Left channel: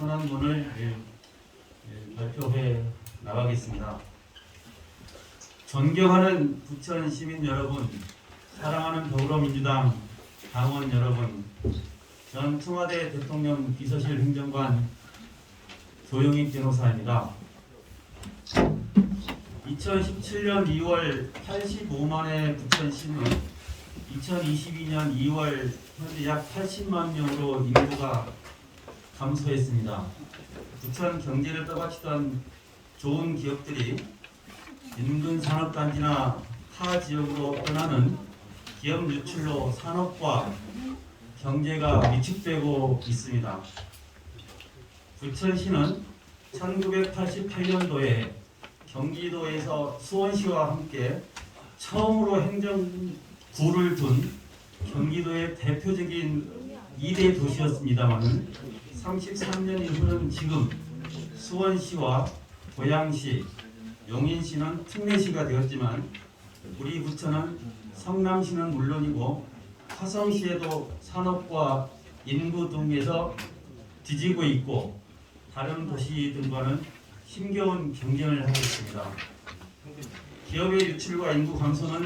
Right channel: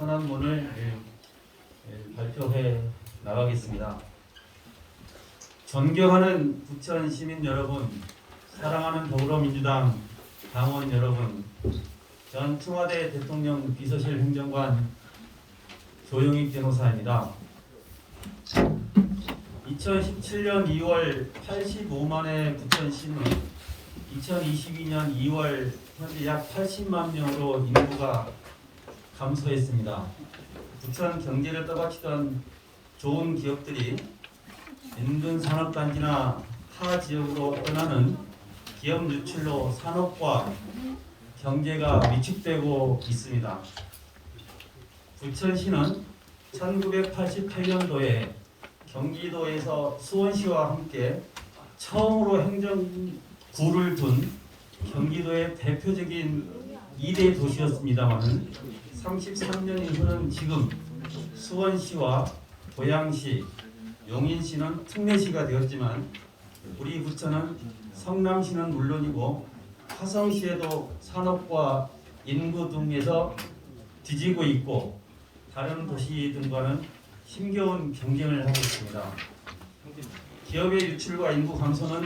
선언문을 발표해 나가겠습니다. 존경하는 부천 시민 여러분, 사랑하는 더불어민주당 당원 여러분, 전 청와대 대통령 비서실 행정관 조용익 변호사입니다. 2017년 2월 85만의 부천시는 2022년 2월 현재 약 80만 명으로 인구가 감소했습니다. 부천 경제를 떠받치던 좋은 기업들이 인근 산업단지나 타 지역으로 떠나는 기업 유출로 산업과 경제가 위축되고 있습니다. 부천시는 1988년도에 경기도에서 수원시와 함께 처음으로 행정구를 둔 경기도의 대표적인 2대 도시였습니다만 33년이 흐른 지금 수원시와 고양시, 용인시는 특례시가 되었지만 우리 부천은 성남시는 물론이고 화성시에도 산업과 인구 등에서 뒤지고 있고 다른 도시들과는 힘겨운 경쟁을 하고 있습니다. 기업의 유출과 인구 감소는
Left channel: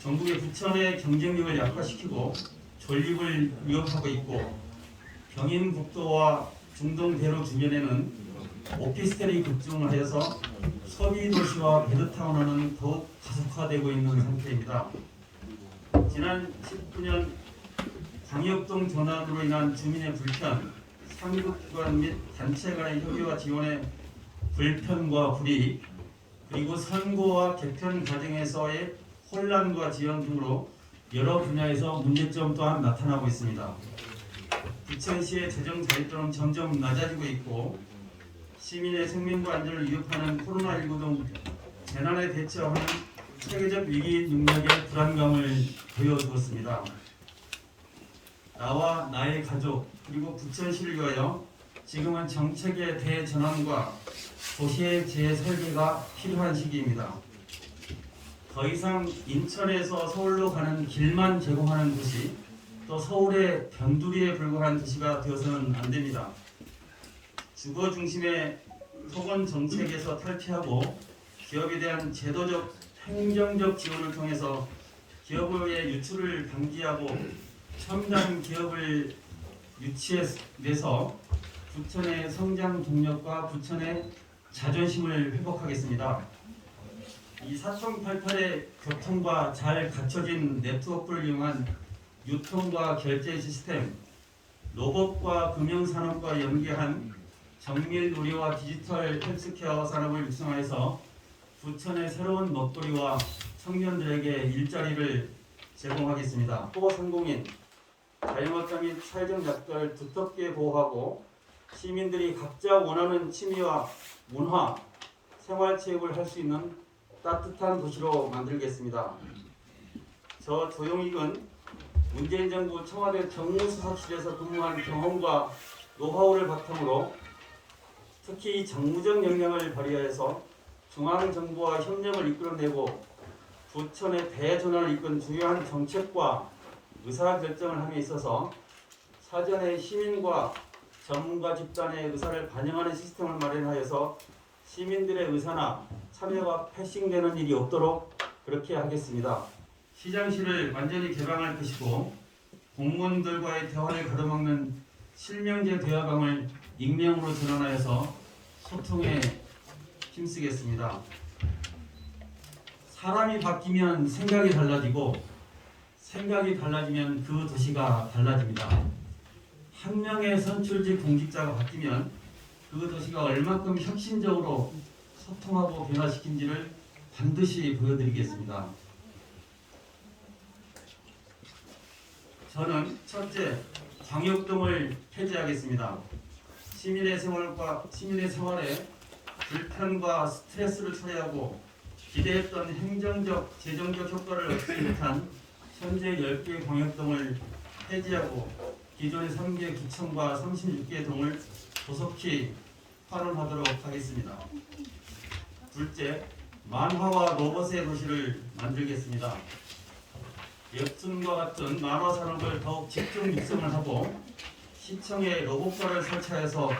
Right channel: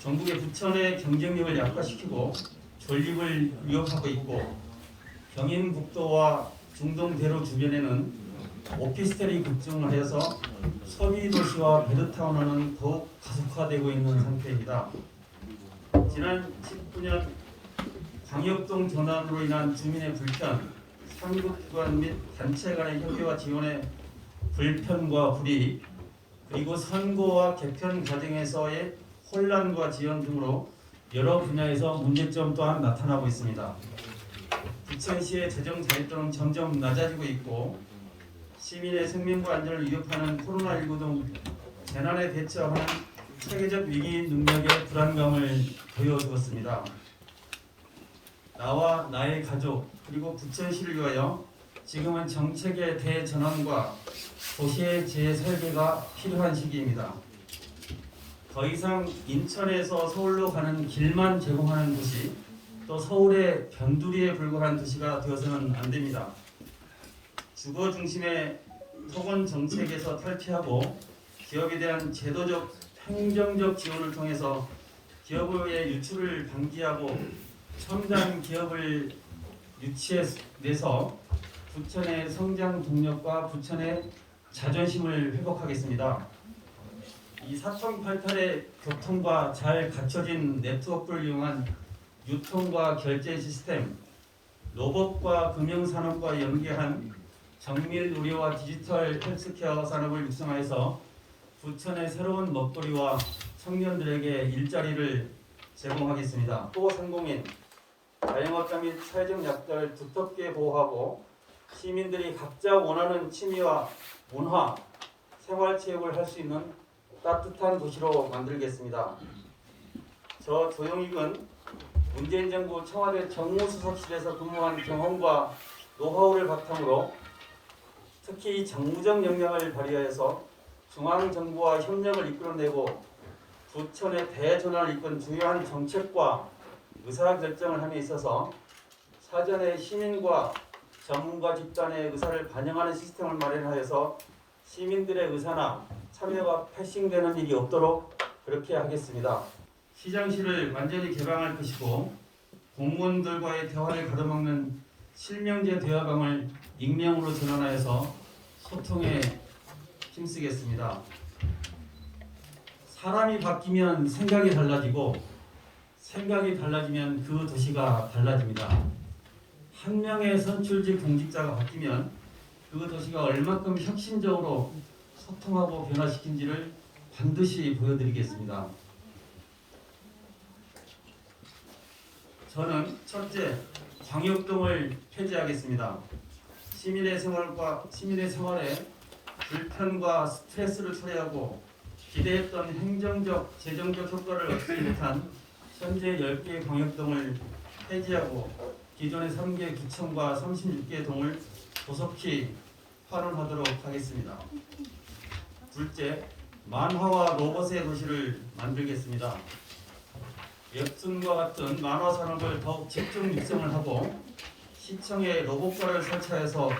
전국의 부천의 경쟁력을 약화시키고 존립을 위협하고 있고 경인북도와 중동대로 주변에는 오피스텔이 급증을 해서 소비도시와 베드타운화는 더욱 가속화되고 있는 상태입니다. 지난 19년 광역동 전환으로 인한 주민의 불편, 상급기관 및 단체 간의 협의와 지원의 불편과 불이익, 그리고 선거와 개편 과정에서의 혼란과 지연 등으로 여러 분야에서 문제점 또한 나타나고 있습니다. 부천시의 재정 자립도는 점점 낮아지고 있고 시민의 생명과 안전을 위협하는 코로나19 등 재난에 대처하는 체계적 위기 능력의 불안감을 보여주었습니다. 나와 나의 가족 그리고 부천시를 위하여 지금은 정책의 대전환과 도시의 재설계가 필요한 시기입니다. 더 이상 인천에서 서울로 가는 길만 제공하는 도시, 또 서울의 변두리에 불과한 도시가 되어서는 안 됩니다. 주거 중심의 토건 정책에서 탈피하고 기업에 대한 제도적, 행정적 지원을 통해서 기업의 유출을 방지하고 첨단 기업을 유치해내서 부천의 성장 동력과 부천의 자존심을 회복하겠습니다. 이 4088의 교통과 잘 갖춰진 네트워크를 이용한 유통과 결제 시스템, 로봇과 금융산업과 연계한 정밀 의료와 디지털 헬스케어 산업을 육성해서 부천의 새로운 먹거리와 청년들에게 일자리를 제공하겠습니다. 소상공인, 자영업자 및 사회적 약자를 두텁게 보호하고 시민들이 각자 원하는 취미와 문화, 생활체육을 할 수 있는 따뜻한 도시로 만들겠습니다. 저 조용익은 문재인 정부 청와대 정무수석실에서 근무한 경험과 노하우를 바탕으로 특히 정무적 역량을 발휘해서 중앙정부와 협력을 이끌어내고 부천의 대전환을 이끈 중요한 정책과 의사결정을 함에 있어서 사전에 시민과 전문가 집단의 의사를 반영하는 시스템을 마련하여서 시민들의 의사나 참여가 패싱되는 일이 없도록 그렇게 하겠습니다. 시장실을 완전히 개방할 것이고 공무원들과의 대화를 가로막는 실명제 대화방을 익명으로 전환하여서 소통에 힘쓰겠습니다. 사람이 바뀌면 생각이 달라지고 생각이 달라지면 그 도시가 달라집니다. 한 명의 선출직 공직자가 바뀌면 그 도시가 얼마큼 혁신적으로 소통하고 변화시킨지를 반드시 보여드리겠습니다. 저는 첫째, 광역동을 폐지하겠습니다. 시민의 생활에 불편과 스트레스를 초래하고 기대했던 행정적, 재정적 효과를 얻지 못한 현재 10개 광역동을 폐지하고 기존의 3개 구청과 36개 동을 조속히 활용하도록 하겠습니다. 둘째, 만화와 로봇의 도시를 만들겠습니다. 웹툰과 같은 만화 산업을 더욱 집중 육성을 하고 시청에 로봇과를 설치해서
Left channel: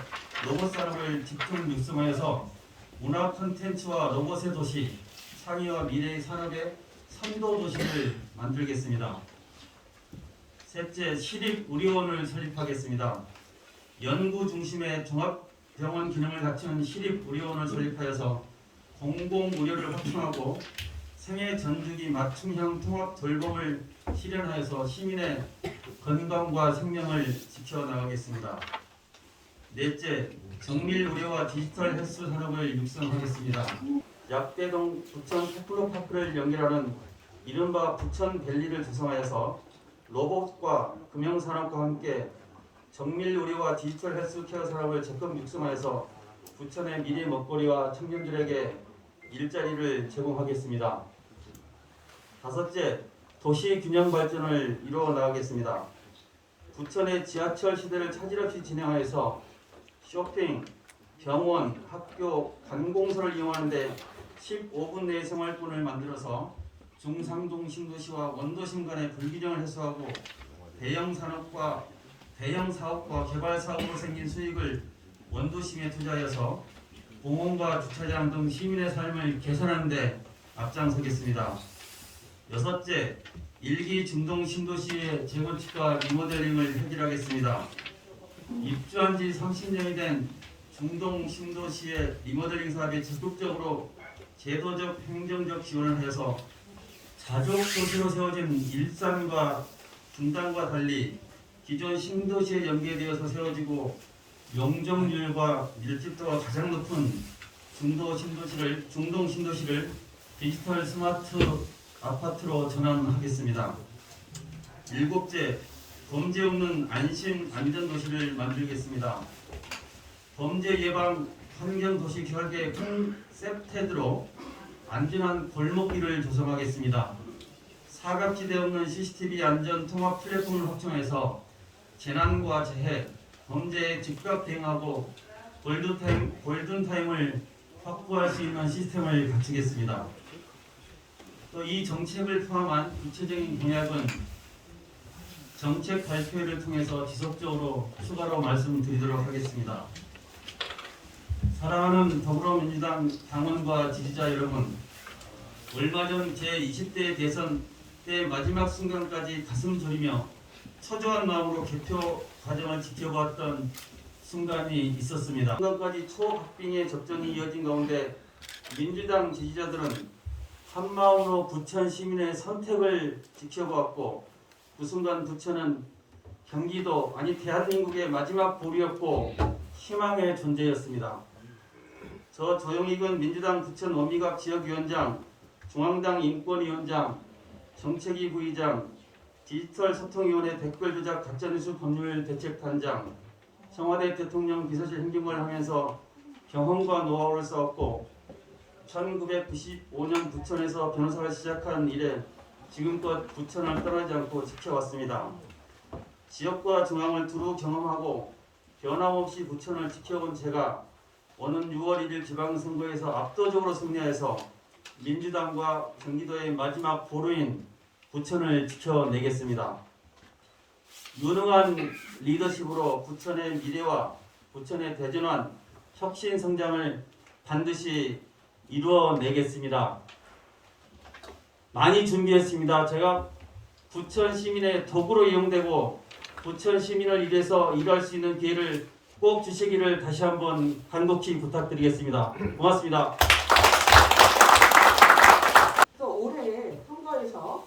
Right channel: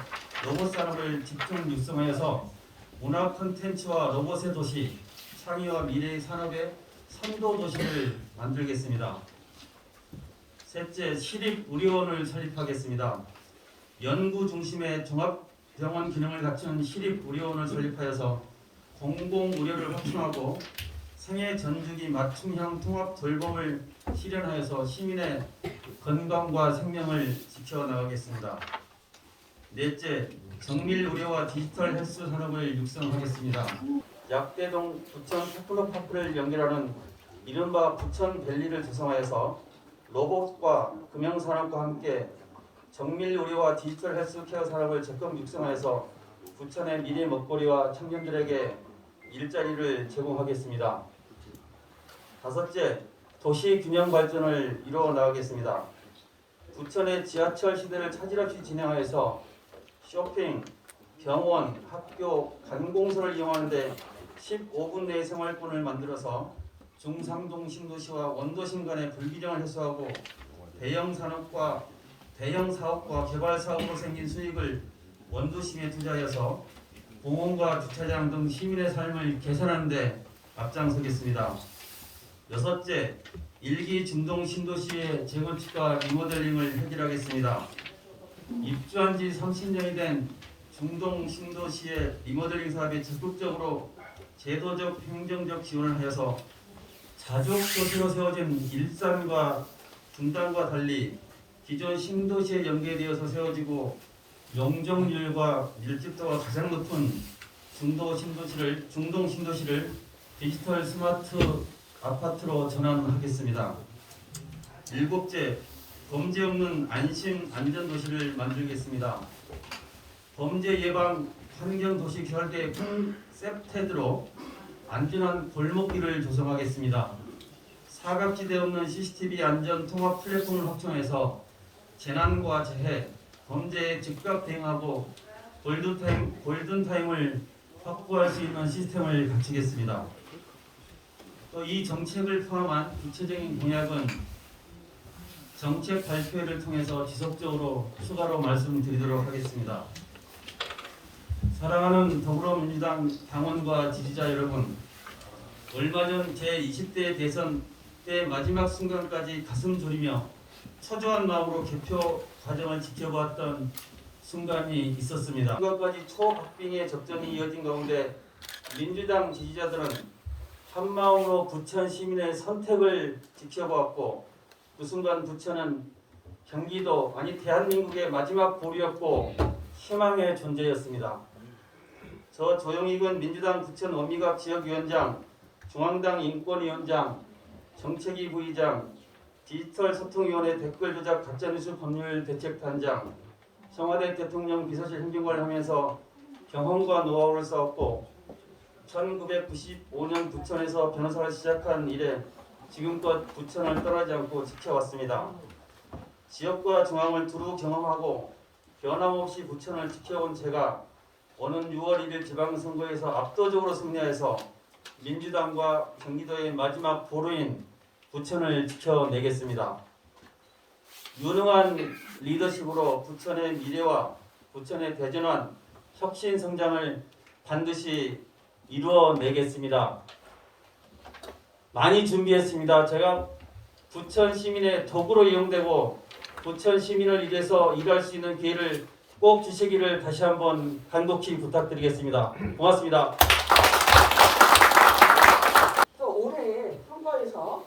로봇 산업을 집중 육성하여서 문화 콘텐츠와 로봇의 도시, 창의와 미래의 산업의 선도 도시를 만들겠습니다. 셋째, 시립의료원을 설립하겠습니다. 연구 중심의 종합병원 기능을 갖춘 시립의료원을 설립하여서 공공의료를 확충하고 생애 전주기 맞춤형 통합 돌봄을 실현하여서 시민의 건강과 생명을 지켜나가겠습니다. 넷째, 정밀 의료와 디지털 헬스 산업을 육성하겠습니다. 약대동 부천 테크노파크를 연결하는 이른바 부천밸리를 조성하여서 로봇과 금융산업과 함께 정밀 의료와 디지털 헬스케어 산업을 적극 육성하여서 부천의 미래 먹거리와 청년들에게 일자리를 제공하겠습니다. 다섯째, 도시 균형 발전을 이루어 나가겠습니다. 부천의 지하철 시대를 차질 없이 진행하여서 쇼핑, 병원, 학교, 관공서를 이용하는데 15분 내의 생활권을 만들어서 중상동 신도시와 원도심 간의 불균형을 해소하고 대형 사업과 개발 사업으로 생긴 수익을 원도심에 투자하여서 공원과 주차장 등 시민의 삶을 개선하는 데 앞장서겠습니다. 여섯째, 일기 중동 신도시의 재건축과 리모델링을 획일하겠습니다. 입주한 지 30년이 된 중동 신도시의 리모델링 사업에 적극적으로 제도적, 행정적 지원을 하여서 자족 도시로 세워진 일산과 중단과 달리 기존 신도시에 연계되어서 세워지고 용적률과 밀집도가 가장 높은 중동 신도시를 디지털 스마트 아파트로 전환하겠습니다. 일곱째, 범죄 없는 안심 안전 도시를 만들겠습니다. 범죄 예방 환경 도시 결계 콘셉트로 안전한 골목길을 조성하겠습니다. 사각지대 없는 CCTV 안전 통합 플랫폼을 확충해서 재난과 재해, 범죄에 즉각 대응하고 골든타임을 확보할 수 있는 시스템을 갖추겠습니다. 또 이 정책을 포함한 구체적인 공약은 정책 발표회를 통해서 지속적으로 추가로 말씀드리도록 하겠습니다. 사랑하는 더불어민주당 당원과 지지자 여러분, 얼마 전 제20대 대선 때 마지막 순간까지 가슴 졸이며 초조한 마음으로 개표 과정을 지켜보았던 순간이 있었습니다. 순간까지 초박빙의 접전이 이어진 가운데 민주당 지지자들은 한마음으로 부천 시민의 선택을 지켜보았고 그 순간 부천은 경기도 아니 대한민국의 마지막 보루였고 희망의 존재였습니다. 저 조영익은 민주당 부천 원미갑 지역위원장, 중앙당 인권위원장, 정책위 부의장, 디지털 소통위원회 댓글 조작 가짜뉴스 법률 대책단장, 청와대 대통령 비서실 행정관을 하면서 경험과 노하우를 쌓았고 1995년 부천에서 변호사를 시작한 이래 지금껏 부천을 떠나지 않고 지켜왔습니다. 지역과 중앙을 두루 경험하고 변함없이 부천을 지켜온 제가 오는 6월 1일 지방선거에서 압도적으로 승리해서 민주당과 경기도의 마지막 보루인 부천을 지켜내겠습니다. 유능한 리더십으로 부천의 미래와 부천의 대전환, 혁신 성장을 반드시 이루어내겠습니다. 많이 준비했습니다. 제가 부천 시민의 도구로 이용되고 부천 시민을 위해서 일할 수 있는 기회를 꼭 주시기를 다시 한번 간곡히 부탁드리겠습니다. 고맙습니다. 올해 선거에서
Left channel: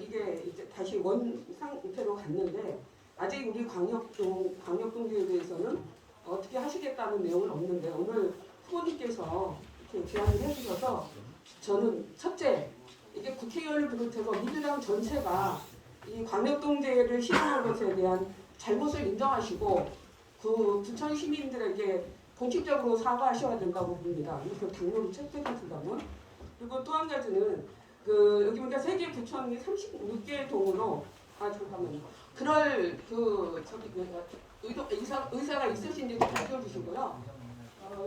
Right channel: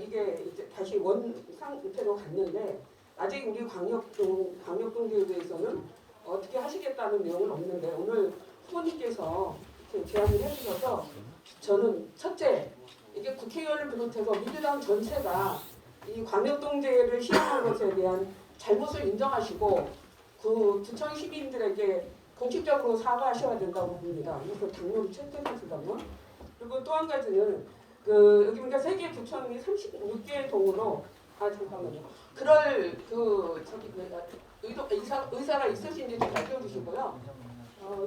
이게 이제 다시 원상태로 갔는데 아직 우리 광역동지에 대해서는 어떻게 하시겠다는 내용은 없는데 오늘 후보님께서 제안을 해주셔서 저는 첫째 이게 국회의원을 비롯해서 민주당 전체가 이 광역동제를 실현한 것에 대한 잘못을 인정하시고 그 부천 시민들에게 공식적으로 사과하셔야 된다고 봅니다. 이걸 당연히 채택하신다면. 그리고 또 한 가지는 여기 보니까 세계 부천이 36개 동으로 잠깐만요. 그럴 의사가 있으신지 좀 밝혀주시고요.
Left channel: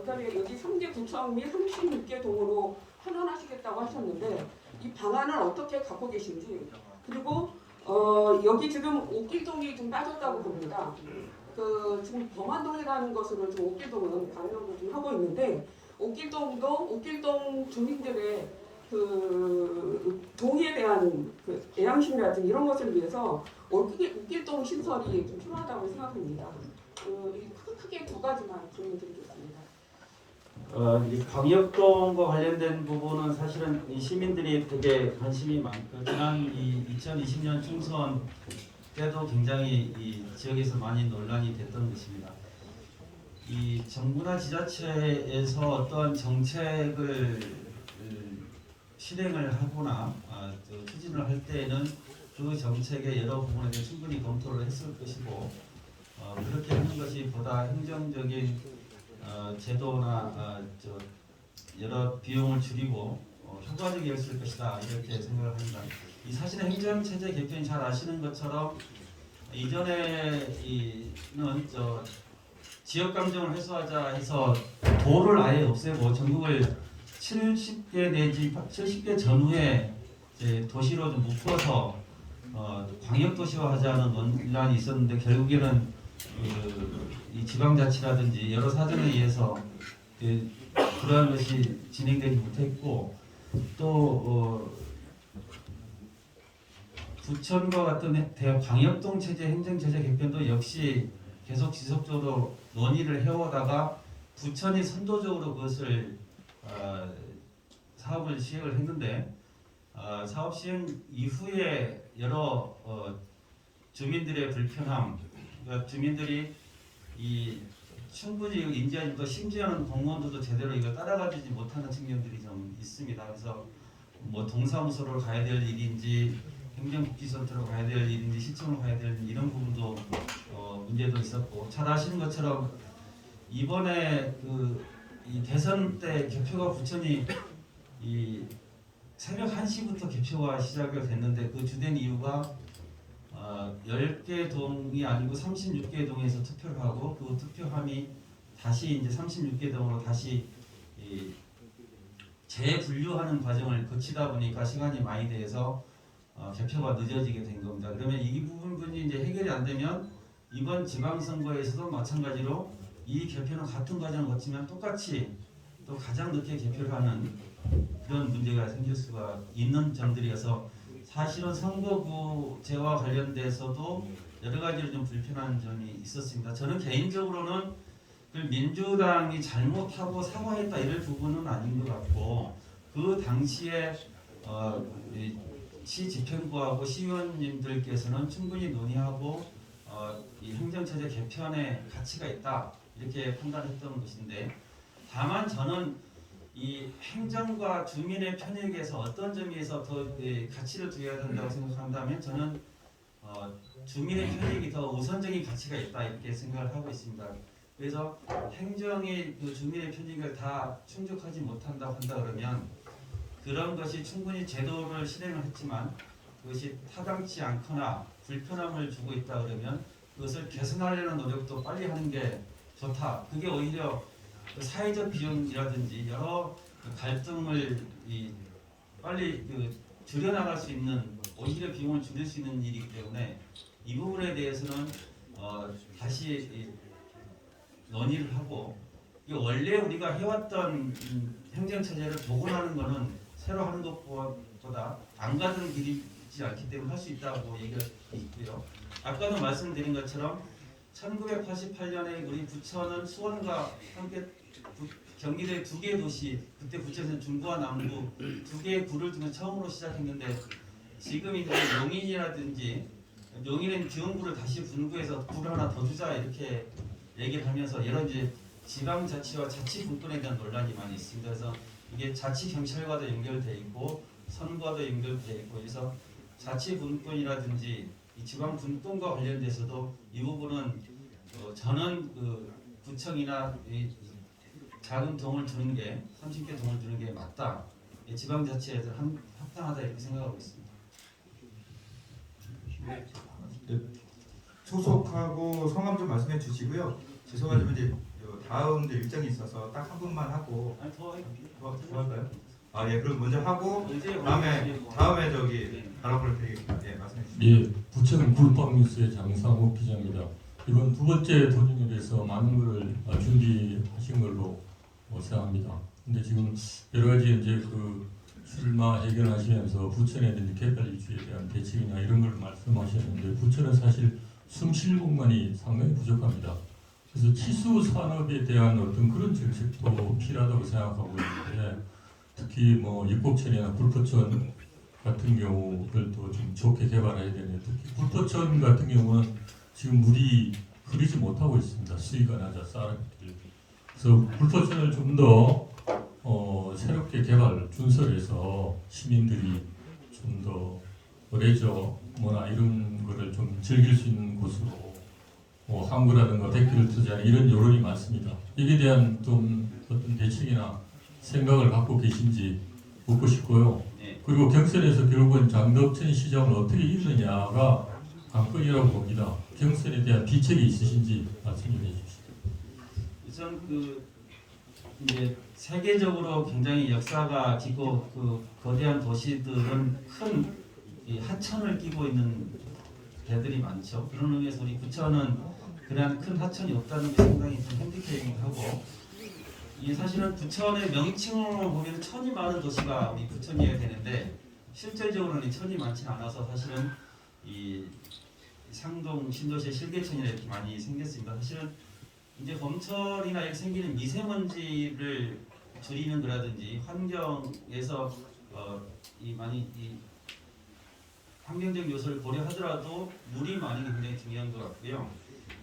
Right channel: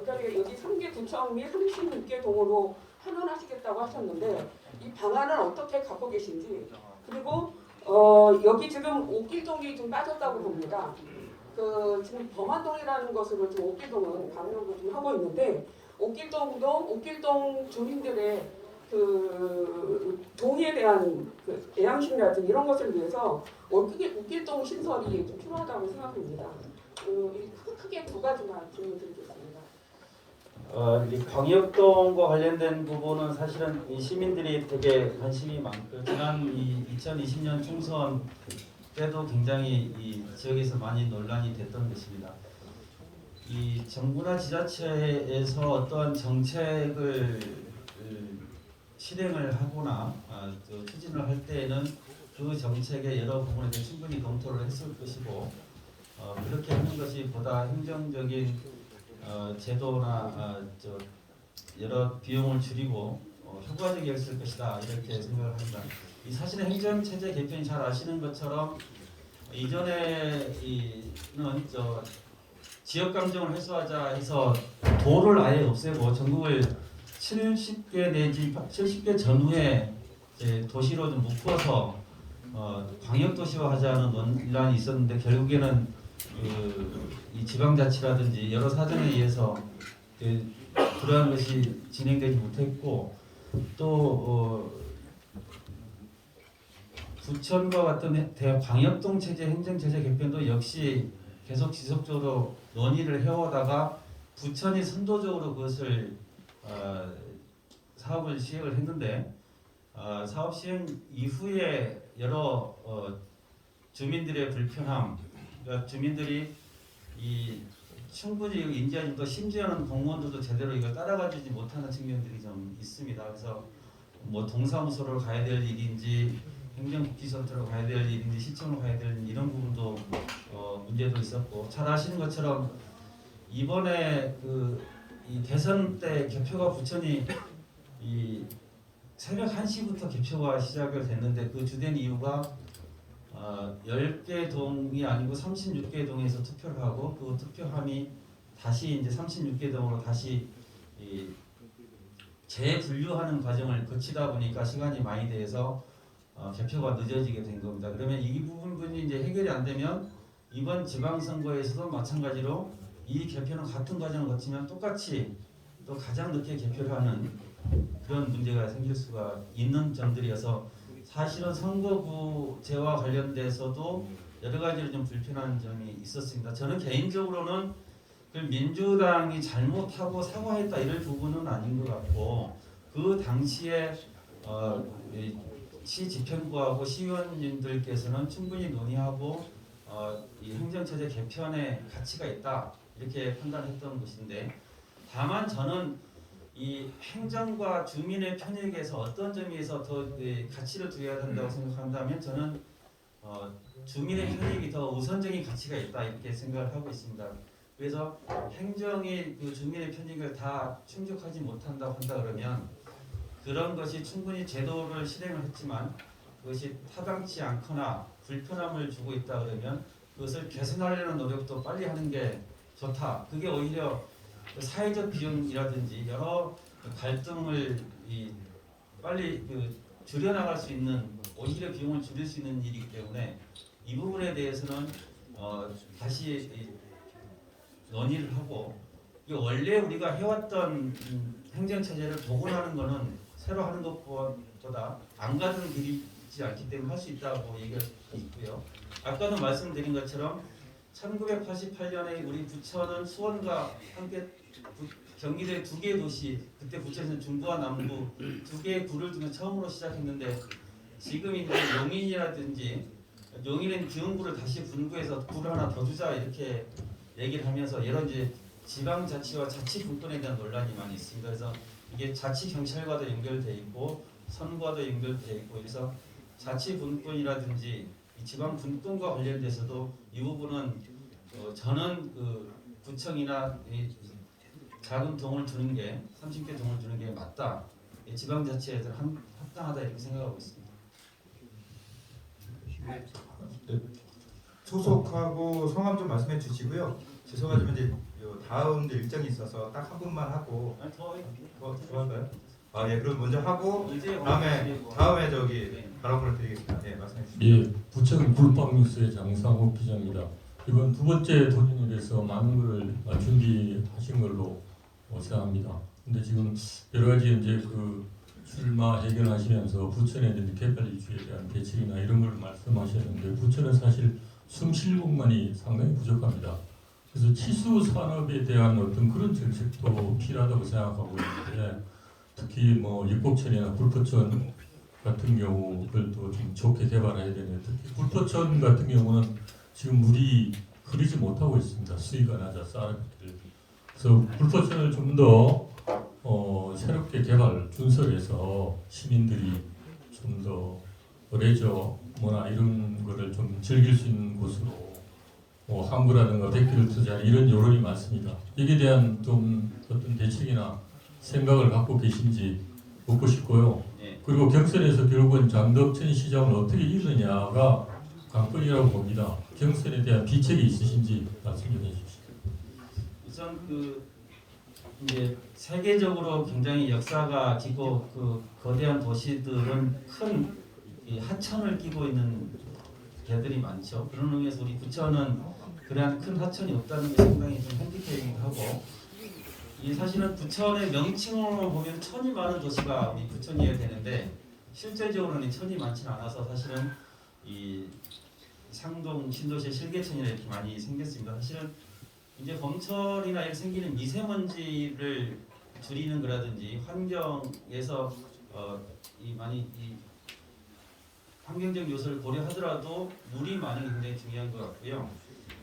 여기 3개 구청 및 36개 동으로 환원하시겠다고 하셨는데 이 방안을 어떻게 갖고 계신지 그리고 여기 지금 옥길동이 좀 빠졌다고 봅니다. 그 지금 범안동이라는 것으로 지금 옥길동은 강조를 좀 하고 있는데 옥길동 주민들의 그 동의에 대한 그 애양심이라든지 이런 것을 위해서 옥길동 신설이 좀 필요하다고 생각합니다. 크게 두 가지만 질문드리겠습니다. 이 광역동과 관련된 부분은 사실은 이 시민들이 되게 관심이 많고 지난 2020년 총선 때도 굉장히 이 지역에서 많이 논란이 됐던 것입니다. 이 정부나 지자체에서 어떤 정책을 실행을 하거나 추진을 할 때에는 그 정책의 여러 부분에 대해 충분히 검토를 했을 것이고 그렇게 하는 것이 보다 행정적인 제도나 여러 비용을 줄이고 효과적이었을 것이다 이렇게 생각을 합니다. 이 사실은 행정체제 개편이 잘 아시는 것처럼 이전에는 지역 감정을 해소하자 해서 도를 아예 없애고 전국을 70개 내지 70개 전후에 도시로 좀 묶어서 광역도시화하자는 논란이 있었는데 결국에는 이 지방자치라든지 여러 사정에 의해서 그러한 것이 진행되지 못했고 또 부천과 같은 광역동 체제 행정체제 개편도 역시 계속 지속적으로 논의를 해오다가 부천이 선도적으로 그것을 사업을 시행을 했는데 사업 시행 이후에 여러 주민들의 불편함, 그러니까 주민들이 이 충분히 인지하지 못하고 심지어는 공무원들도 제대로 이걸 따라가지 못하는 측면들이 좀 있습니다. 그래서 뭐 동사무소를 가야 될 일인지 행정복지센터로 가야 될 일인지 시청으로 가야 될 일인지 이런 부분도 문제도 있었고 잘 아시는 것처럼 이번에 이 대선 때 개표가 부천이 이 새벽 1시부터 개표가 시작이 됐는데 그 주된 이유가 10개 동이 아니고 36개 동에서 투표를 하고 그 투표함이 다시 이제 36개 동으로 다시 재분류하는 과정을 거치다 보니까 시간이 많이 돼서 개표가 늦어지게 된 겁니다. 그러면 이 부분이 이제 해결이 안 되면 이번 지방선거에서도 마찬가지로 이 개표는 같은 과정을 거치면 똑같이 또 가장 늦게 개표를 하는 그런 문제가 생길 수가 있는 점들이어서 사실은 선거구제와 관련돼서도 여러 가지로 좀 불편한 점이 있었습니다. 저는 개인적으로는 그 민주당이 잘못하고 사과했다 이럴 부분은 아닌 것 같고 그 당시에 시 집행부하고 시의원님들께서는 충분히 논의하고 이 행정체제 개편의 가치가 있다 이렇게 판단했던 것인데 다만 저는 이 행정과 주민의 편익에서 어떤 점에서 더 가치를 두어야 된다고 생각한다면 저는 주민의 편익이 더 우선적인 가치가 있다 이렇게 생각을 하고 있습니다. 그래서 행정이 그 주민의 편익을 다 충족하지 못한다고 한다 그러면 그런 것이 충분히 제도를 실행을 했지만 그것이 타당치 않거나 불편함을 주고 있다 그러면 그것을 개선하려는 노력도 빨리 하는 게 좋다. 그게 오히려 사회적 비용이라든지 여러 갈등을 빨리 줄여나갈 수 있는 오히려 비용을 줄일 수 있는 일이기 때문에 이 부분에 대해서는 다시 논의를 하고 원래 우리가 해왔던 행정체제를 복원하는 것은 새로 하는 것보다 안 가는 길이지 않기 때문에 할 수 있다고 얘기가 있고요. 아까도 말씀드린 것처럼 1988년에 우리 부천은 수원과 함께 경기도의 두 개의 도시, 그때 부천은 중부와 남부 두 개의 구를 중에 처음으로 시작했는데 지금 이제 용인이라든지 용인은 기흥구를 다시 분구해서 구를 하나 더 주자 이렇게 얘기를 하면서 여러 이제 지방자치와 자치분권에 대한 논란이 많이 있습니다. 그래서 이게 자치경찰과도 연결되어 있고 선과도 연결되어 있고 그래서 자치분권이라든지 이 지방분권과 관련돼서도 이 부분은 저는 구청이나 작은 동을 두는 게 30개 동을 두는 게 맞다. 지방자치에서 합당하다 이렇게 생각하고 있습니다. 네. 소속하고 성함 좀 말씀해 주시고요. 죄송하지만 이제 다음 일정이 있어서 딱 한 분만 하고 더 할까요? 예, 그럼 먼저 하고 다음에 저기 단어를 드리겠습니다. 네, 말씀해 주시죠. 예, 부천 굴빵 뉴스의 장상욱 기자입니다. 이번 두 번째 도전일에서 많은 걸 준비하신 걸로 생각합니다. 근데 지금 여러 가지 이제 그 출마 해결하시면서 부천에 이제 개발 이슈에 대한 대책이나 이런 걸 말씀하셨는데 부천은 사실 숨쉴 공간이 상당히 부족합니다. 그래서 치수 산업에 대한 어떤 그런 정책도 필요하다고 생각하고 있는데 특히 뭐 육곡천이나 불포천 같은 경우들도 좀 좋게 개발해야 되는데 특히 불포천 같은 경우는 지금 물이 흐르지 못하고 있습니다. 수위가 낮아 쌀아들. 그래서 불포천을 좀 더 새롭게 개발 준설해서 시민들이 좀 더 레저 뭐나 이런 거를 좀 즐길 수 있는 곳으로 항구라든가 백기를 투자하는 이런 여론이 많습니다. 이에 대한 좀 어떤 대책이나 생각을 갖고 계신지 묻고 싶고요. 네. 그리고 경선에서 결국은 장덕천 시장을 어떻게 이루느냐가 관건이라고 봅니다. 경선에 대한 비책이 있으신지 말씀해 주십시오. 우선 그 이제 세계적으로 굉장히 역사가 깊고 그 거대한 도시들은 큰 이 하천을 끼고 있는 데들이 많죠. 그런 의미에서 우리 부천은 그런 큰 하천이 없다는 게 상당히 좀 핸디캡이기도 하고, 이 사실은 부천의 명칭으로 보면 천이 많은 도시가 우리 부천이어야 되는데 실제적으로는 천이 많지는 않아서 사실은 이 상동 신도시의 실개천이 이렇게 많이 생겼습니다. 사실은 이제 봄철이나 이렇게 생기는 미세먼지를 줄이는 거라든지 환경에서 이 환경적 요소를 고려하더라도 물이 많은 게 굉장히 중요한 것 같고요.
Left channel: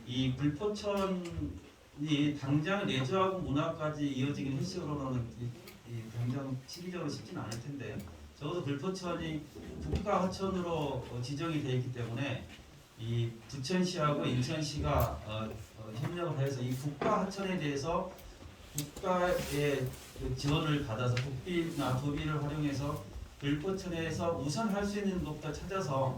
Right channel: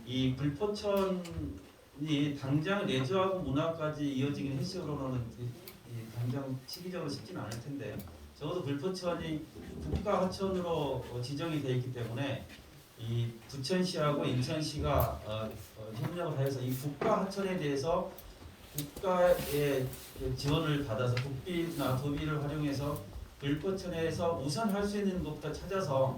이 불포천이 당장 레저하고 문화까지 이어지긴 횟수로는 당장 시기적으로 쉽지는 않을 텐데 적어도 불포천이 국가 하천으로 지정이 되어 있기 때문에 이 부천시하고 인천시가 협력을 해서 이 국가 하천에 대해서 국가의 지원을 받아서 국비나 도비를 활용해서 불포천에서 우선 할 수 있는 것부터 찾아서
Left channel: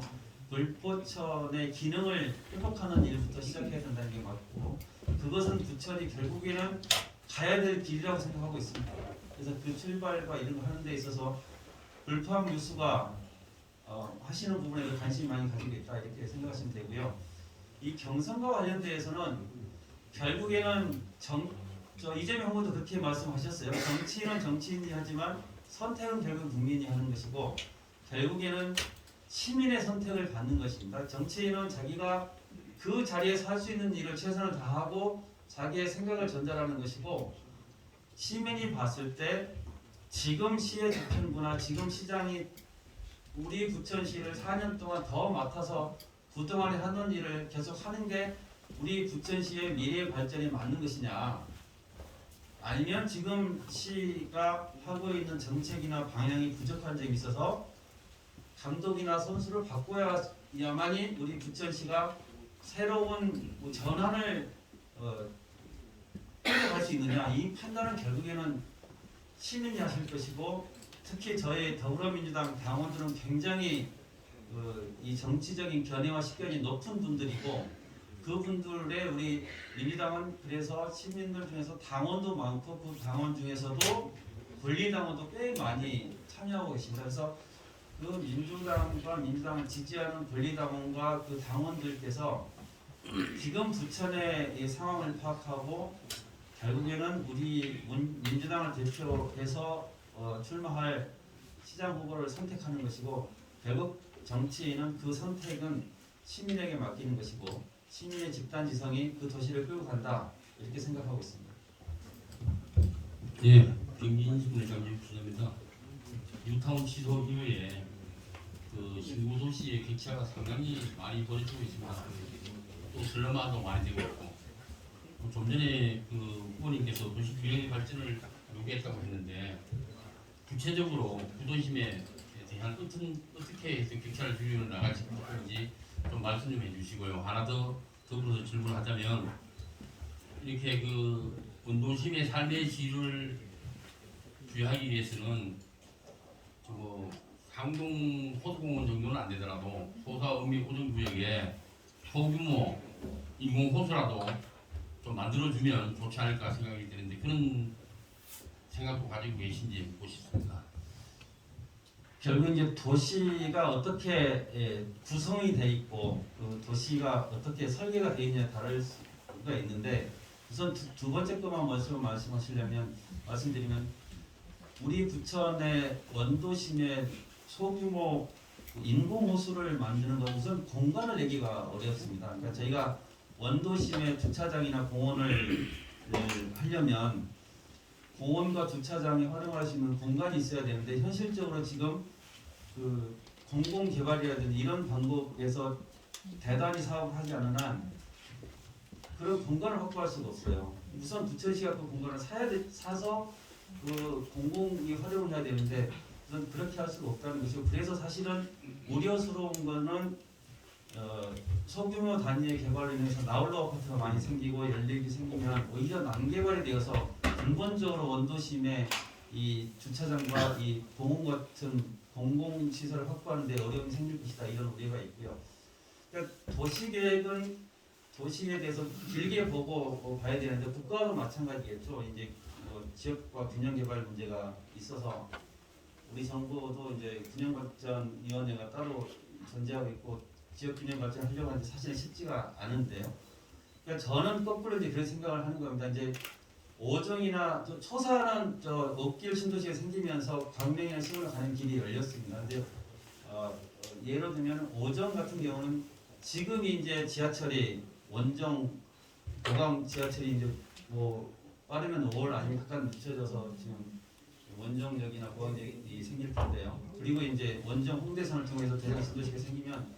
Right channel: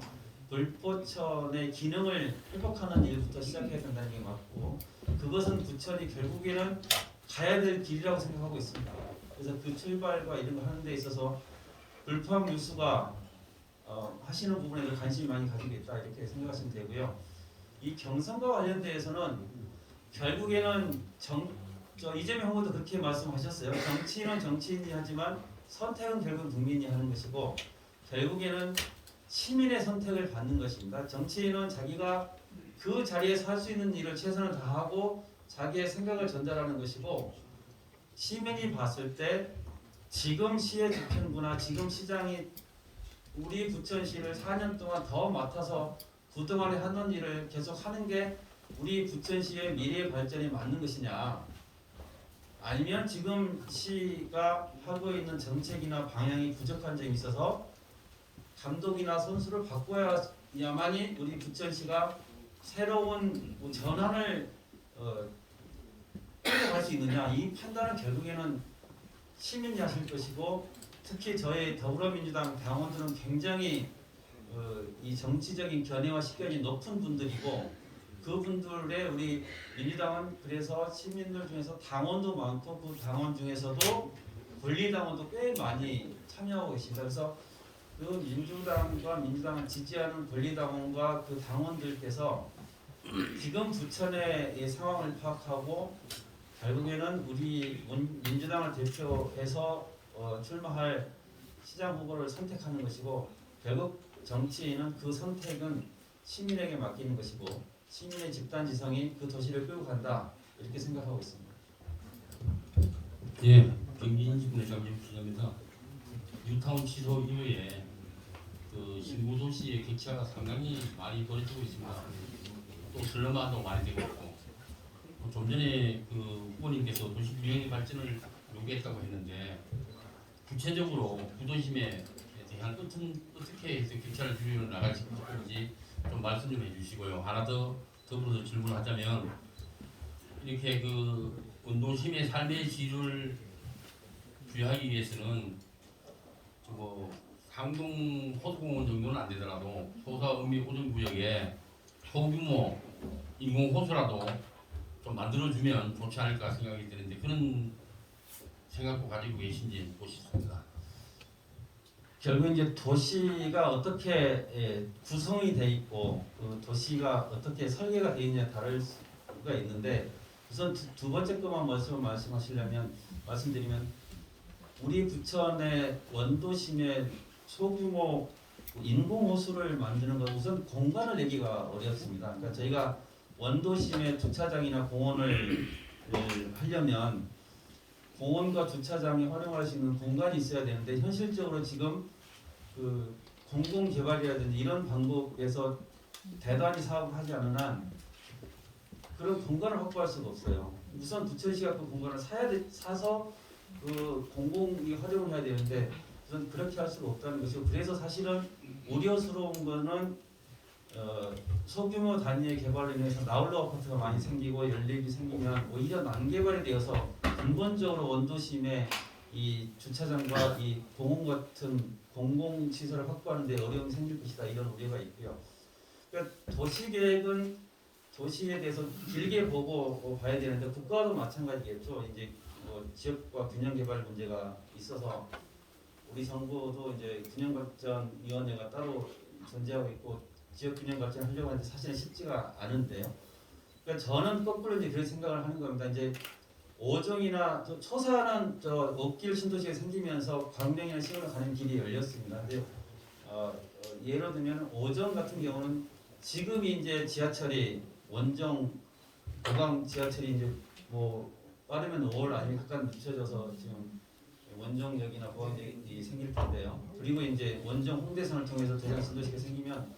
불포천의 기능을 회복하는 일부터 시작해야 된다는 게 맞고, 그것은 부천이 결국에는 가야 될 길이라고 생각하고 있습니다. 그래서 그 출발과 이런 거 하는 데 있어서 불포항 유수가 하시는 부분에 관심이 많이 가지고 있다 이렇게 생각하시면 되고요. 이 경선과 관련돼서는 결국에는 이재명 후보도 그렇게 말씀하셨어요. 정치인은 정치인이 하지만 선택은 결국 국민이 하는 것이고 결국에는 시민의 선택을 받는 것입니다. 정치인은 자기가 그 자리에서 할 수 있는 일을 최선을 다하고 자기의 생각을 전달하는 것이고, 시민이 봤을 때 지금 시의 주권구나 지금 시장이 우리 부천시를 4년 동안 더 맡아서 그동안에 하는 일을 계속 하는 게 우리 부천시의 미래 발전에 맞는 것이냐, 아니면 지금 시가 하고 있는 정책이나 방향이 부족한 점이 있어서 감독이나 선수를 바꿔야만이 우리 부천시가 새로운 전환을 끌어갈 수 있느냐, 이 판단은 결국에는 시민이 하실 것이고, 특히 저희 더불어민주당 당원들은 굉장히 이 정치적인 견해와 식견이 높은 분들이고, 그분들의 우리 민주당은 그래서 시민들 중에서 당원도 많고 그 당원 중에서도 권리당원도 꽤 많이 참여하고 계십니다. 그래서 그 민주당을 지지하는 권리당원과 그 당원들께서 지금 부천의 이 상황을 파악하고 결국에는 우리 민주당을 대표해서 출마할 시장 후보를 선택하는 것이고, 결국 정치인은 그 선택은 시민에게 맡기는 것이고 시민의 집단지성이 그 도시를 끌고 간다 이렇게 생각하고 있습니다. 예, 경기인식분의 장재익 기자입니다. 뉴타운 취소 이후에 그 신구 도시의 격차가 상당히 많이 벌어지고 있습니다. 또 슬럼화도 많이 되고 있고, 좀 전에 그 후보님께서 도시 균형 발전을 요구했다고 했는데 구체적으로 부도심에 대한 어떻게 해서 격차를 줄여 나갈 건지 좀 말씀 좀 해주시고요. 하나 더 더불어서 질문하자면, 이렇게 그 원도심의 삶의 질을 부여하기 위해서는 뭐 상동 호수공원 정도는 안 되더라도 소사 의미 호전구역에 소규모 인공호수라도 좀 만들어주면 좋지 않을까 생각이 드는데 그런 생각도 가지고 계신지 보시겠습니다. 결국 이제 도시가 어떻게 구성이 돼 있고 도시가 어떻게 설계가 돼 있냐에 다를 수가 있는데 우선 두 번째 것만 말씀드리면 우리 부천의 원도심의 소규모 인공 호수를 만드는 건 우선 공간을 내기가 어렵습니다. 그러니까 저희가 원도심의 주차장이나 공원을 하려면 공원과 주차장이 활용할 수 있는 공간이 있어야 되는데 현실적으로 지금 그 공공개발이라든지 이런 방법에서 대단히 사업을 하지 않는 한 그런 공간을 확보할 수가 없어요. 우선 부천시가 그 공간을 사서 그 공공이 활용을 해야 되는데 우선 그렇게 할 수가 없다는 것이고 그래서 사실은 우려스러운 거는 소규모 단위의 개발로 인해서 나홀로 아파트가 많이 생기고 연립이 생기면 오히려 난개발이 되어서 근본적으로 원도심의 이 주차장과 이 공원 같은 공공시설을 확보하는 데 어려움이 생길 것이다 이런 우려가 있고요. 그러니까 도시계획은 도시에 대해서 길게 보고 봐야 되는데 국가도 마찬가지겠죠. 이제 지역과 균형 개발 문제가 있어서 우리 정부도 이제 균형발전위원회가 따로 존재하고 있고 지역 균형 발전 하려고 하는데 사실은 쉽지가 않은데요. 그러니까 저는 거꾸로 이제 그런 생각을 하는 겁니다. 이제 오정이나 초사는 옥길 신도시가 생기면서 광명이나 시골로 가는 길이 열렸습니다. 근데 예를 들면 오정 같은 경우는 지금이 이제 지하철이 원정 도강 지하철이 이제 뭐 빠르면 5월 아니면 약간 늦춰져서 지금 원정역이나 고강역이 생길 텐데요. 그리고 이제 원정 홍대선을 통해서 대전 신도시가 생기면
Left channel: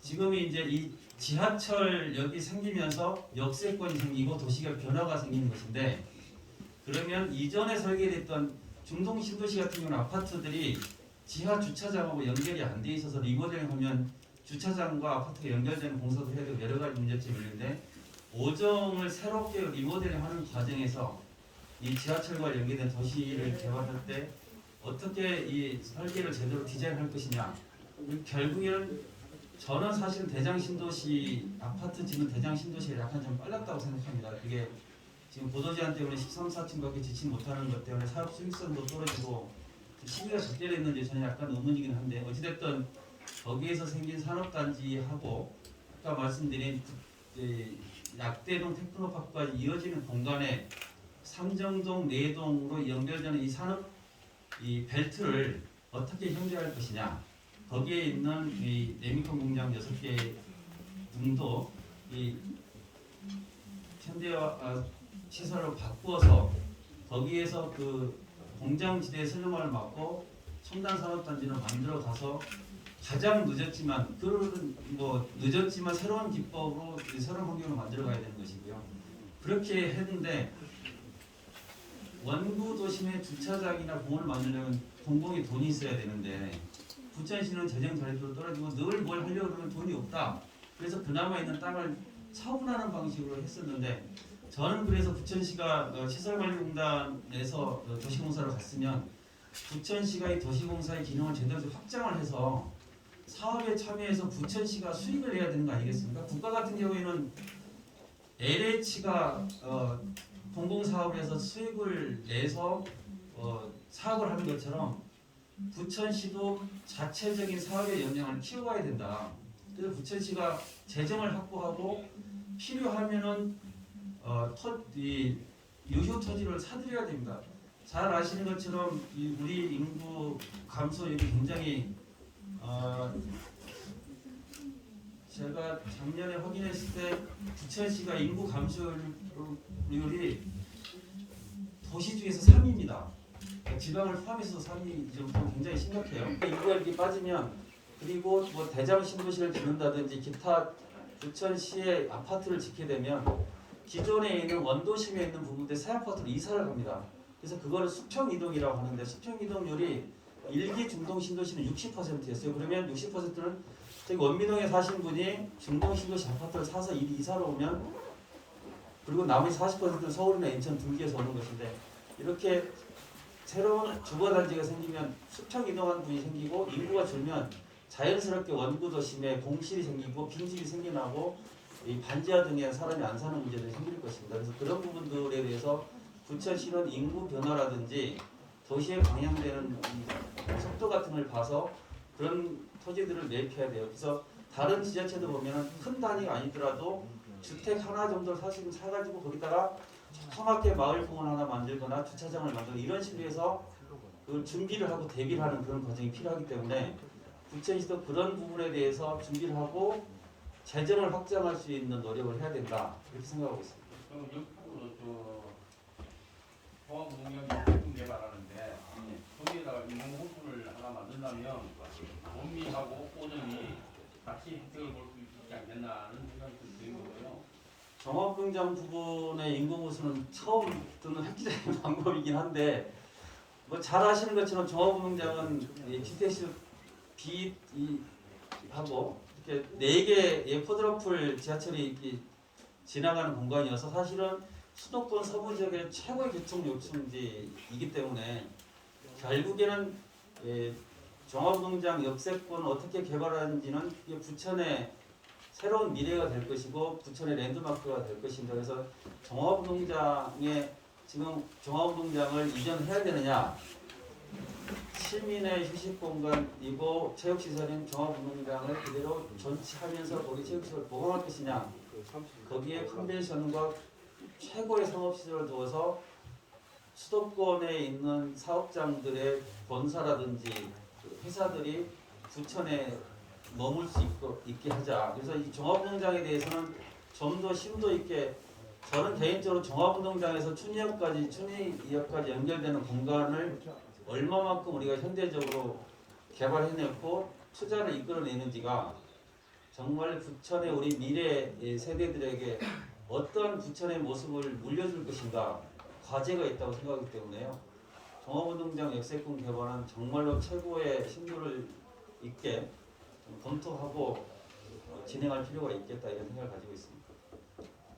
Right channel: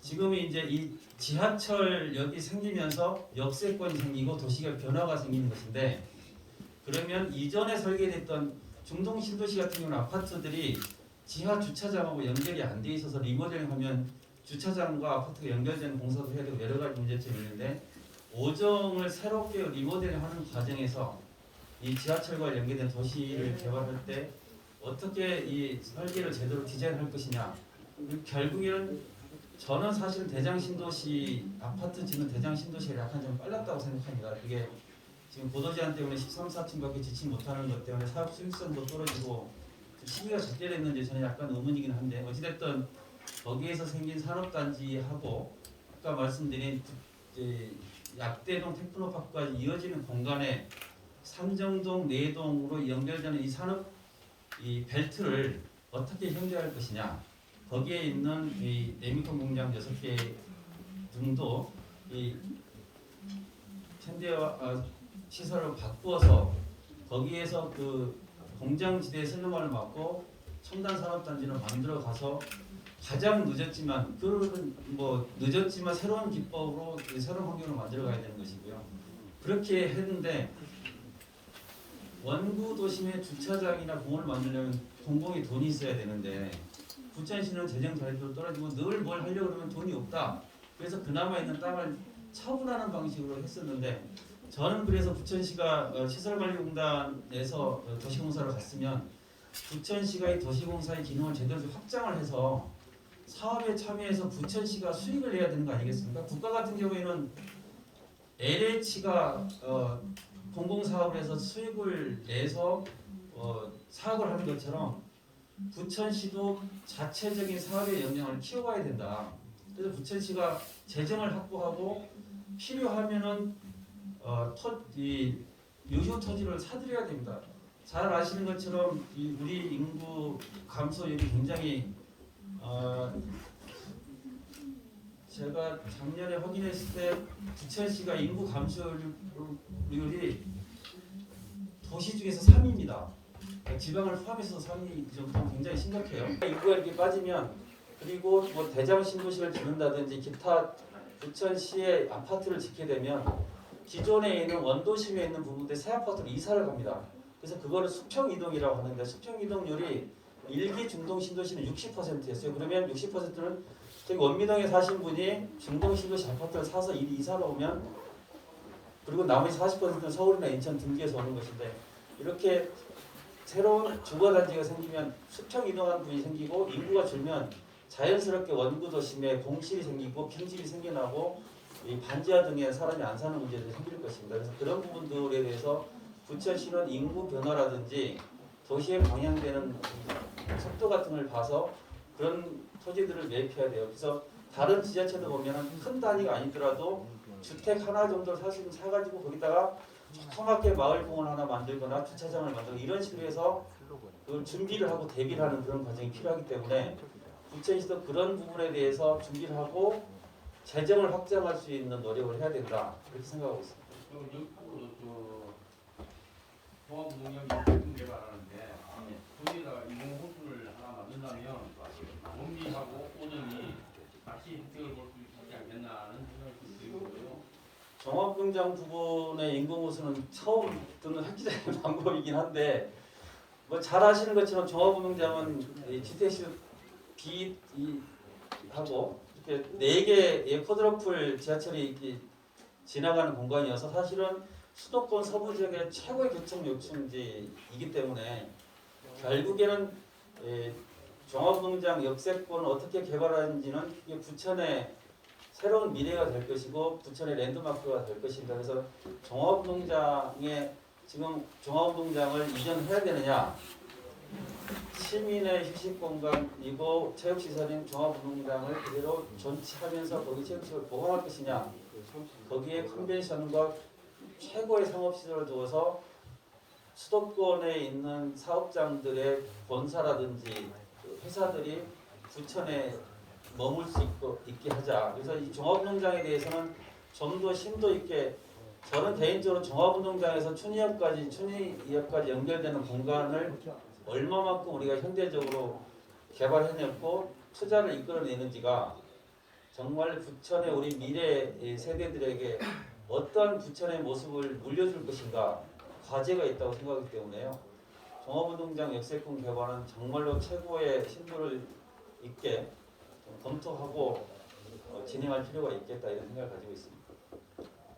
지금이 이제 이 지하철역이 생기면서 역세권이 생기고 도시가 변화가 생기는 것인데 그러면 이전에 설계됐던 중동 신도시 같은 경우는 아파트들이 지하 주차장하고 연결이 안 돼 있어서 리모델링하면 주차장과 아파트가 연결되는 공사도 해야 되고 여러 가지 문제점이 있는데 오정을 새롭게 리모델링하는 과정에서 이 지하철과 연계된 도시를 개발할 때 어떻게 이 설계를 제대로 디자인할 것이냐 결국에는 저는 사실 대장 신도시 아파트 짓는 대장 신도시가 약간 좀 빨랐다고 생각합니다. 그게 지금 보도 제한 때문에 13, 14층밖에 짓지 못하는 것 때문에 사업 수익성도 떨어지고 시기가 적절했는지 저는 약간 의문이긴 한데 어찌됐든 거기에서 생긴 산업단지하고 아까 말씀드린 약대동 테크노파크까지 이어지는 공간에 삼정동, 내동으로 연결되는 이 산업 이 벨트를 어떻게 형성할 것이냐 거기에 있는 이 레미콘 공장 6개 등도 이 현대화 시설을 바꾸어서 거기에서 그 공장지대 슬럼을 막고 첨단 산업단지를 만들어 가서 가장 늦었지만 늦었지만 새로운 기법으로 새로운 환경을 만들어 가야 되는 것이고요. 그렇게 했는데 원구 도심의 주차장이나 공원을 만들려면 공공의 돈이 있어야 되는데 부천시는 재정 자립도 떨어지고 늘 뭘 하려고 그러면 돈이 없다. 그래서 그나마 있는 땅을 처분하는 방식으로 했었는데 저는 그래서 부천시가 시설관리공단에서 도시공사를 갔으면 부천시가 이 도시공사의 기능을 제대로 확장을 해서 사업에 참여해서 부천시가 수익을 내야 되는 거 아니겠습니까? 국가 같은 경우에는 LH가 공공사업을 해서 수익을 내서 사업을 하는 것처럼 부천시도 자체적인 사업의 역량을 키워가야 된다. 그래서 부천시가 재정을 확보하고 필요하면은 유휴 토지를 사들여야 됩니다. 잘 아시는 것처럼 우리 인구 감소율이 굉장히 제가 작년에 확인했을 때 부천시가 인구 감소율이 도시 중에서 3위입니다. 지방을 포함해서 3위 정도 굉장히 심각해요. 인구가 이렇게 빠지면 그리고 뭐 대장 신도시를 짓는다든지 기타 부천시의 아파트를 짓게 되면 기존에 있는 원도심에 있는 부분들 새 아파트로 이사를 갑니다. 그래서 그거를 수평 이동이라고 하는데 수평 이동률이 일기 중동 신도시는 60%였어요. 그러면 60%는 저기 원미동에 사신 분이 중동 신도시 아파트를 사서 이사를 오면 그리고 나머지 40%는 서울이나 인천 등기에서 오는 것인데 이렇게 새로운 주거단지가 생기면 수평 이동한 분이 생기고 인구가 줄면 자연스럽게 원구 도심에 공실이 생기고 빈집이 생겨나고 이 반지하 등에 사람이 안 사는 문제들이 생길 것입니다. 그래서 그런 부분들에 대해서 부천시는 인구 변화라든지 도시에 방향되는 속도 같은 걸 봐서 그런 토지들을 매입해야 돼요. 그래서 다른 지자체도 보면은 큰 단위가 아니더라도 주택 하나 정도 사가지고 거기다가 조그맣게 마을공원 하나 만들거나 주차장을 만들거나 이런 식으로 해서 그 준비를 하고 대비를 하는 그런 과정이 필요하기 때문에 부천시도 그런 부분에 대해서 준비를 하고 재정을 확장할 수 있는 노력을 해야 된다 그렇게 생각하고 있습니다. 그럼 그 종합운영 역세권 개발하는데 거기에다가 인공호수를 하나 만든다면 원미하고 오전이 같이 혜택을 볼 수 있지 않겠나는 생각이 들고요. 종합운영 부분의 인공호수는 처음 듣는 획기적인 방법이긴 한데 뭐 잘 아시는 것처럼 종합운동장은 주택시 하고 이렇게 4개의 쿼드러플 지하철이 이렇게 지나가는 공간이어서 사실은 수도권 서부 지역의 최고의 교통 요충지이기 때문에 결국에는 종합운동장 역세권을 어떻게 개발하는지는 이게 부천의 새로운 미래가 될 것이고 부천의 랜드마크가 될 것입니다. 그래서 종합운동장에 지금 종합운동장을 이전해야 되느냐? 시민의 휴식 공간이고 체육시설인 종합운동장을 그대로 전치하면서 거기 체육시설을 보강할 것이냐? 거기에 컨벤션과 최고의 상업시설을 두어서 수도권에 있는 사업장들의 본사라든지 회사들이 부천에 머물 수 있게 하자. 그래서 이 종합운동장에 대해서는 좀 더 심도 있게 저는 개인적으로 종합운동장에서 춘희역까지 연결되는 공간을 얼마만큼 우리가 현대적으로 개발해냈고 투자를 이끌어내는지가 정말 부천의 우리 미래 세대들에게 어떤 부천의 모습을 물려줄 것인가 과제가 있다고 생각하기 때문에요. 종합운동장 역세권 개발은 정말로 최고의 심도를 있게 좀 검토하고 진행할 필요가 있겠다 이런 생각을 가지고 있습니다.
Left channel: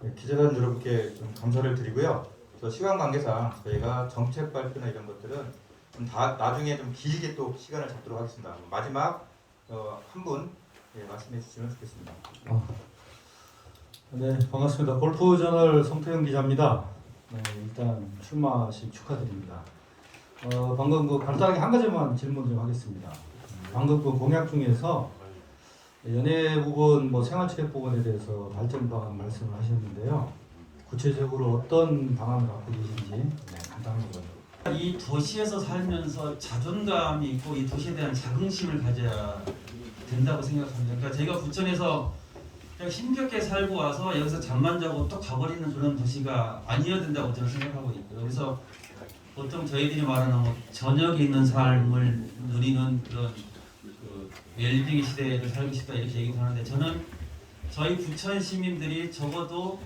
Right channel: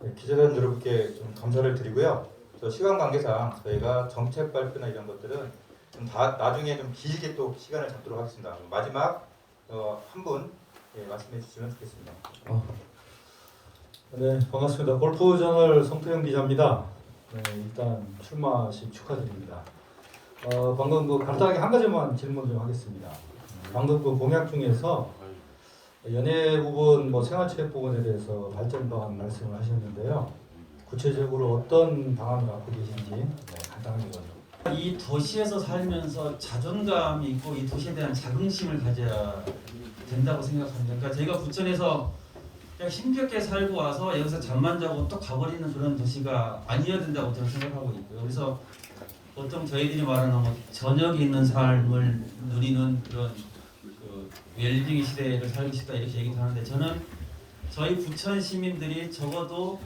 네, 기자단 여러분께 좀 감사를 드리고요. 저 시간 관계상 저희가 정책 발표나 이런 것들은 좀 다 나중에 좀 길게 또 시간을 잡도록 하겠습니다. 마지막 한 분 말씀해 주시면 좋겠습니다. 네, 반갑습니다. 골프저널 성태영 기자입니다. 네, 일단 출마식 축하드립니다. 방금 그 간단하게 한 가지만 질문 좀 하겠습니다. 방금 그 공약 중에서 연예 부분, 뭐 생활체육 부분에 대해서 발전 방안 말씀을 하셨는데요. 구체적으로 어떤 방안을 갖고 계신지 간단하게 좀. 이 도시에서 살면서 자존감이 있고 이 도시에 대한 자긍심을 가져야 된다고 생각합니다. 그러니까 제가 부천에서 그냥 힘겹게 살고 와서 여기서 잠만 자고 또 가버리는 그런 도시가 아니어야 된다고 저는 생각하고 있고요. 그래서 보통 저희들이 말하는 뭐 저녁에 있는 삶을 누리는 그런 그 웰빙 시대를 살고 싶다 이렇게 얘기를 하는데 저는 저희 부천 시민들이 적어도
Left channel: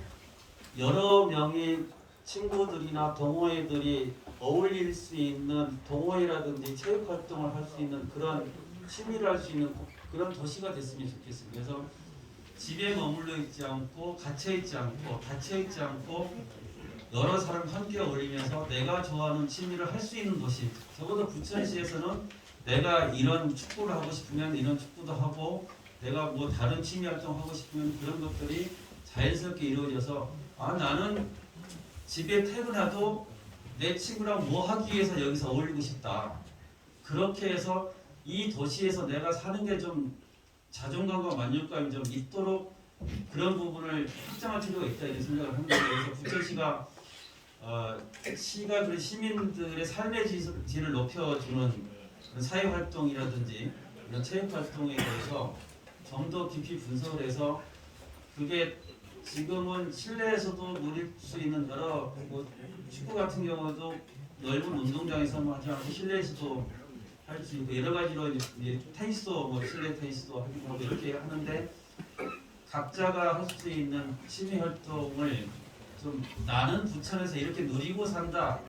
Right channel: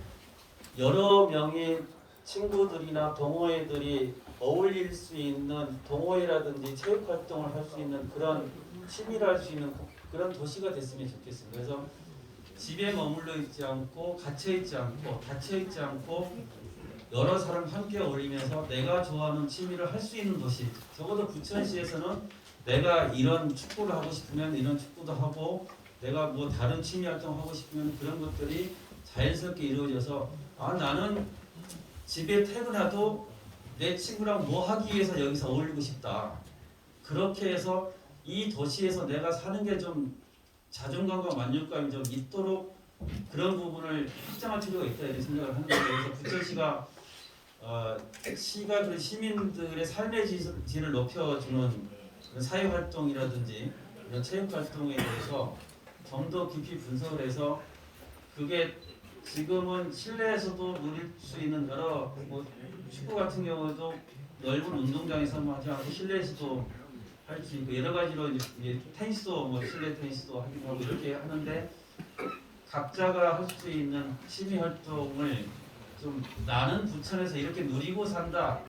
여러 명의 친구들이나 동호회들이 어울릴 수 있는 동호회라든지 체육 활동을 할 수 있는 그런 취미를 할 수 있는 그런 도시가 됐으면 좋겠습니다. 그래서 집에 머물러 있지 않고 갇혀 있지 않고 여러 사람 함께 어울리면서 내가 좋아하는 취미를 할 수 있는 도시. 적어도 부천시에서는 내가 이런 축구를 하고 싶으면 이런 축구도 하고 내가 뭐 다른 취미 활동 하고 싶으면 그런 것들이 자연스럽게 이루어져서 나는 집에 퇴근해도 내 친구랑 뭐 하기 위해서 여기서 어울리고 싶다. 그렇게 해서 이 도시에서 내가 사는 게 좀 자존감과 만족감이 좀 있도록 그런 부분을 확장할 필요가 있다 이런 생각을 합니다. 그래서 부천시가 시가 그 시민들의 삶의 질을 높여주는 그런 사회 활동이라든지 이런 체육 활동에 대해서 좀 더 깊이 분석을 해서 그게 지금은 실내에서도 누릴 수 있는 여러 뭐 축구 같은 경우도 넓은 운동장에서만 하지 않고 실내에서도 할 수 있고 여러 가지로 이제 테니스도 뭐 실내 테니스도 하기도 하고 이렇게 하는데 각자가 할 수 있는 취미 활동을 좀 나는 부천에서 이렇게 누리고 산다